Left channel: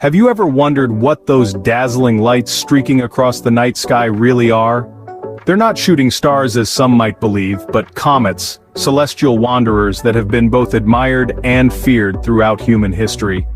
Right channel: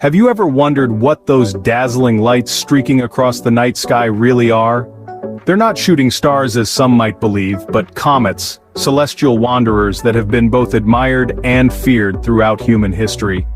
Have you ever wondered what those dazzling lights streaking across the night sky really are? They're not shooting stars as some might believe, but comets, celestial wanderers that have been both admired and feared throughout human history.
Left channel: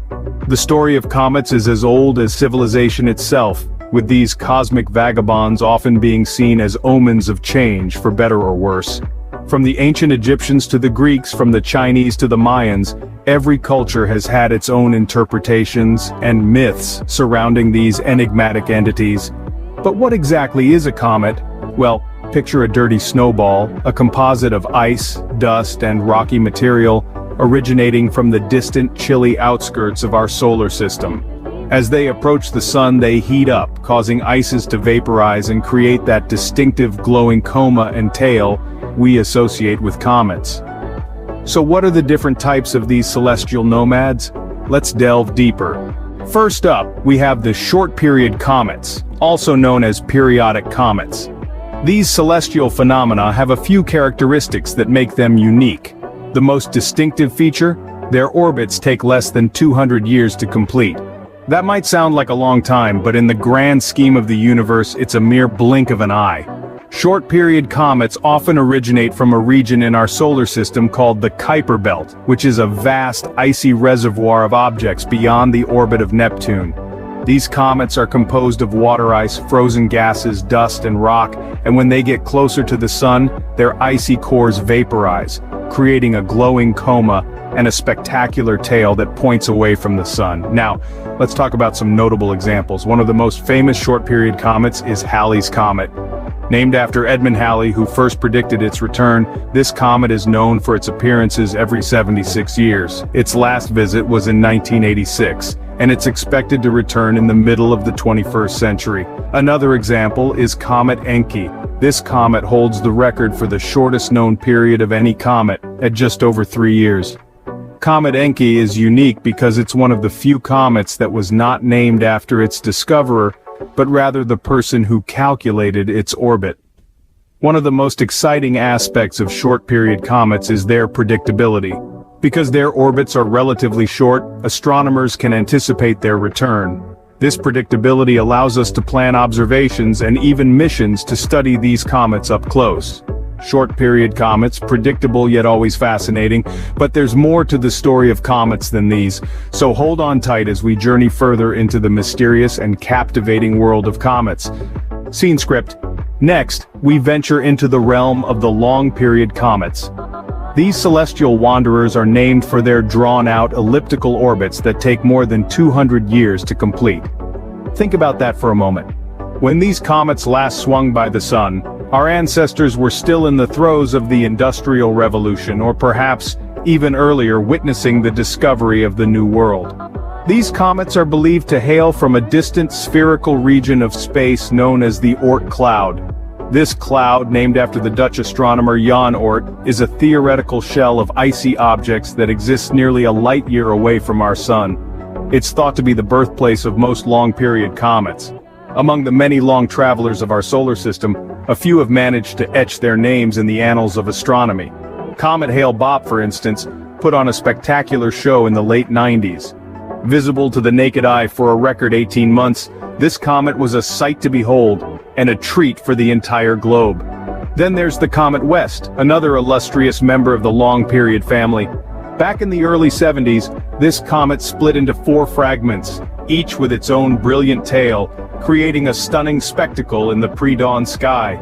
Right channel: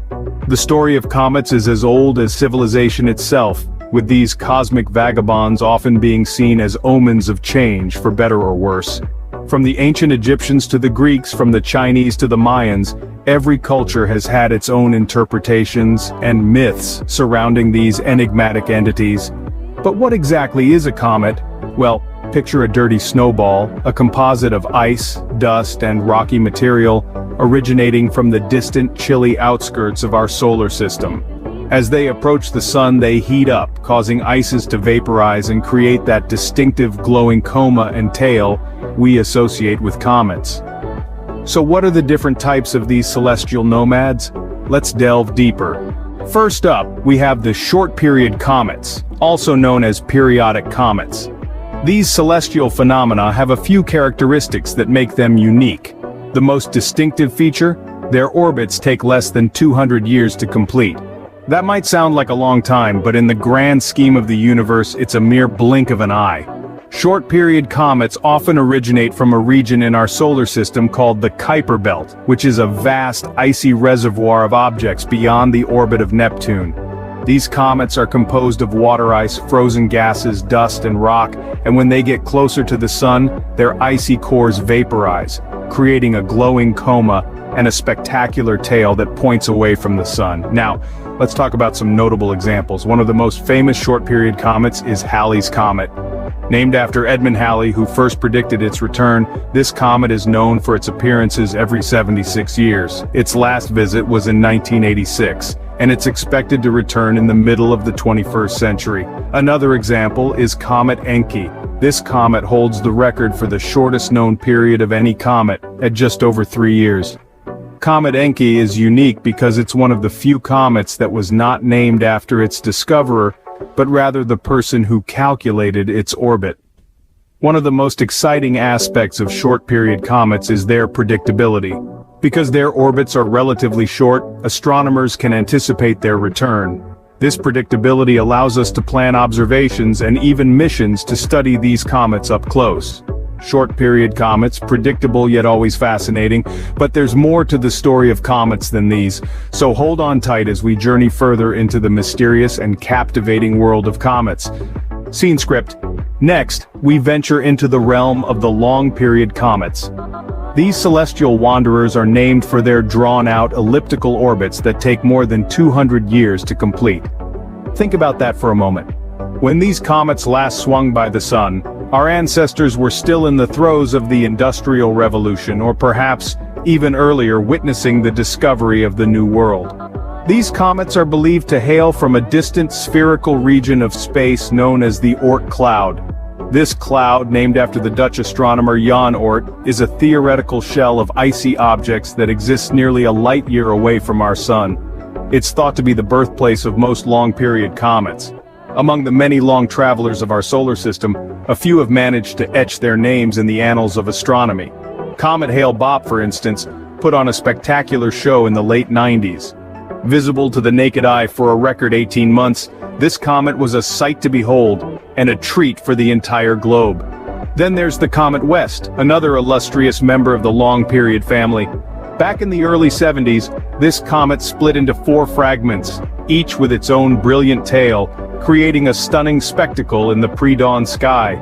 The story of comets is as old as civilization itself, with these cosmic vagabonds often being seen as omens of change, for better or worse. From the ancient Egyptians to the Greeks, from the Chinese to the Mayans, every culture has had its own interpretations and myths surrounding these enigmatic entities. But what exactly is a comet? Well, picture a dirty snowball, a composite of ice, dust, and rocky material, originating from the distant, chilly outskirts of our solar system. As they approach the sun, they heat up, causing ices to vaporize and create that distinctive glowing coma and tail we associate with comets. So what are the different types of these celestial nomads? Let's delve deeper. First up, we have the short-period comets, also known as periodic comets. These celestial phenomena have a few characteristics that make them unique. The most distinctive feature? Their orbits take less than 200 years to complete. That might sound like a long time, but in the grand scheme of the universe, it's a mere blink of an eye. Short-period comets often originate from a region in our solar system called the Kuiper Belt, which is a vast, icy reservoir of objects beyond the orbit of Neptune. These comets are composed of water ice, frozen gases, dust, and rock, and when they get closer to the sun, their icy cores vaporize, creating a glowing coma and a spectacular tail that points away from the sun. Now, let's talk about some notable examples. One of the most famous short-period comets is Halley's Comet. Named after Edmund Halley, who first predicted its return, this comet is known for its appearances every 76 years. Its last visit was in 1986, and it's expected to return in the middle of the 21st century. Another example is Comet Encke. This comet holds the record for the shortest known period of any comet, at just over 3 years. Comet Encke is unique because it's one of the few comets that was not named after its discoverer, but rather the person who calculated its orbit. One of the most exciting aspects of short-period comets is their predictability. Because their orbits are relatively short, astronomers can anticipate their return. This predictability allows us to plan observations and even missions to study these comets up close. Short-period comets, predictable yet always fascinating, but there's more to the story of comets than these, so hold on tight as we journey further into the mysterious and captivating world of comets. Scene script. Next, we venture into the realm of the long-period comets. These celestial wanderers are named for their drawn-out elliptical orbits that take more than 200 years to complete. Think about that for a moment. When these comets last swung by the sun, our ancestors were still in the throes of the Industrial Revolution, or perhaps even earlier, witnessing the discovery of the New World. These comets are believed to hail from a distant spherical region of space known as the Oort cloud. This cloud, named after the Dutch astronomer Jan Oort, is a theoretical shell of icy objects that exists nearly a light year away from our sun. It's thought to be the birthplace of most long-period comets. Among the many long travelers of our solar system, a few have managed to etch their names in the annals of astronomy. Comet Hale-Bopp, for instance, put on a spectacular show in the late 90s. Visible to the naked eye for a record 18 months, this comet was a sight to behold, and a treat for the entire globe. Then there's the Comet West, another illustrious member of the long-period family. Back in the early 70s, this comet split into 4 fragments, each with its own brilliant tail, creating a stunning spectacle in the pre-dawn sky.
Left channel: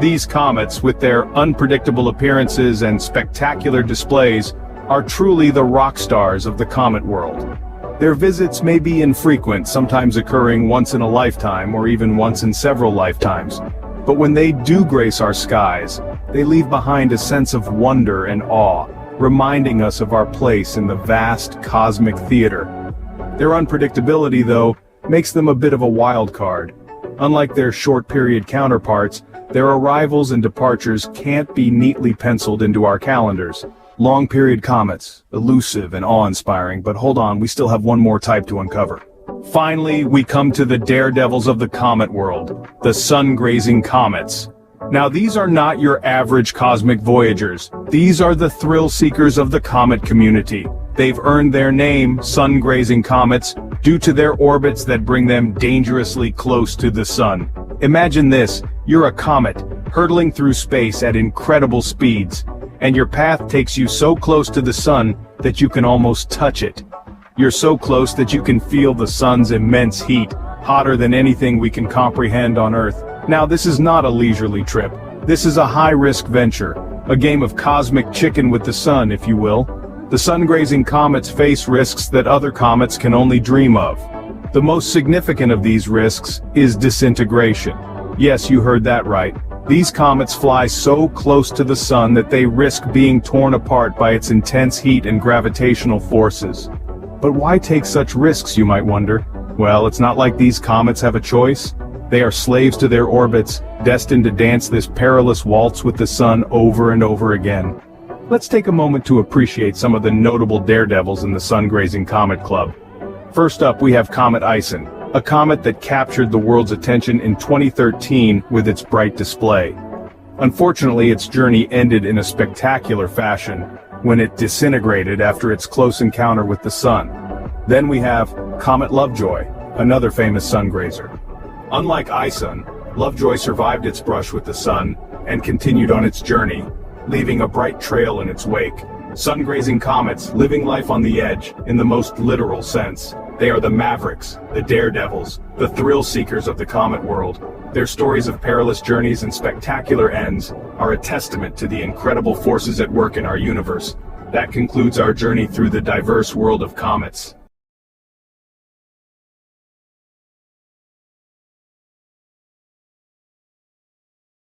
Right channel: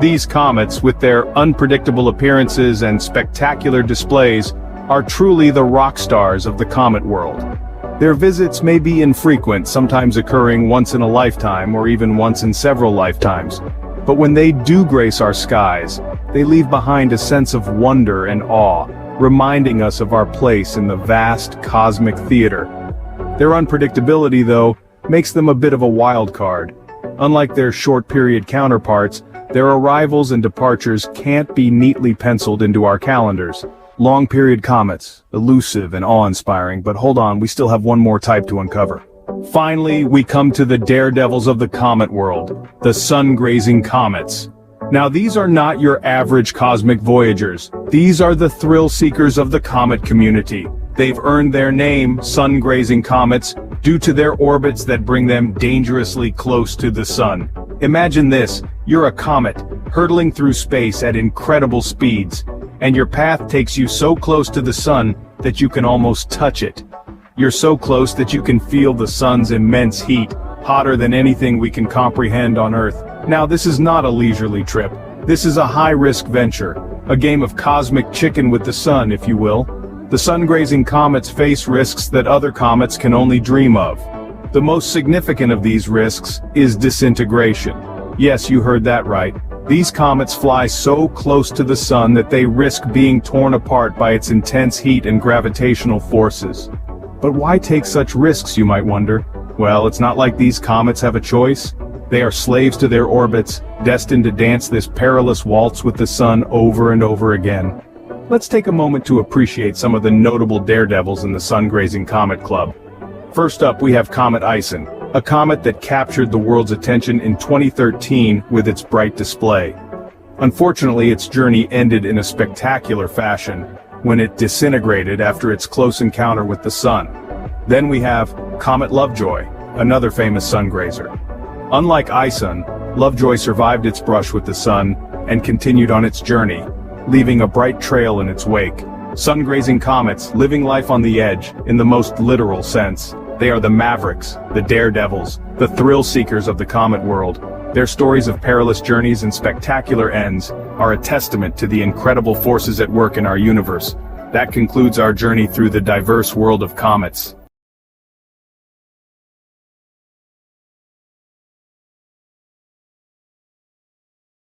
These comets, with their unpredictable appearances and spectacular displays, are truly the rock stars of the comet world. Their visits may be infrequent, sometimes occurring once in a lifetime or even once in several lifetimes. But when they do grace our skies, they leave behind a sense of wonder and awe, reminding us of our place in the vast cosmic theater. Their unpredictability, though, makes them a bit of a wild card. Unlike their short-period counterparts, their arrivals and departures can't be neatly penciled into our calendars. Long-period comets, elusive and awe-inspiring, but hold on, we still have one more type to uncover. Finally, we come to the daredevils of the comet world, the sun-grazing comets. Now, these are not your average cosmic voyagers. These are the thrill-seekers of the comet community. They've earned their name, sun-grazing comets, due to their orbits that bring them dangerously close to the sun. Imagine this, you're a comet, hurtling through space at incredible speeds, and your path takes you so close to the sun that you can almost touch it. You're so close that you can feel the sun's immense heat, hotter than anything we can comprehend on Earth. Now, this is not a leisurely trip. This is a high-risk venture, a game of cosmic chicken with the sun, if you will. The sun-grazing comets face risks that other comets can only dream of. The most significant of these risks is disintegration. Yes, you heard that right. These comets fly so close to the sun that they risk being torn apart by its intense heat and gravitational forces. But why take such risks, you might wonder? Well, it's not like these comets have a choice. They are slaves to their orbits, destined to dance this perilous waltz with the sun over and over again. Let's take a moment to appreciate some of the notable daredevils in the sun-grazing comet club. First up, we have Comet Ison, a comet that captured the world's attention in 2013 with its bright display. Unfortunately, its journey ended in a spectacular fashion when it disintegrated after its close encounter with the sun. Then we have Comet Lovejoy, another famous sun grazer. Unlike Ison, Lovejoy survived its brush with the sun and continued on its journey, leaving a bright trail in its wake. Sun-grazing comets, living life on the edge, in the most literal sense. They are the mavericks, the daredevils, the thrill-seekers of the comet world. Their stories of perilous journeys and spectacular ends are a testament to the incredible forces at work in our universe. That concludes our journey through the diverse world of comets.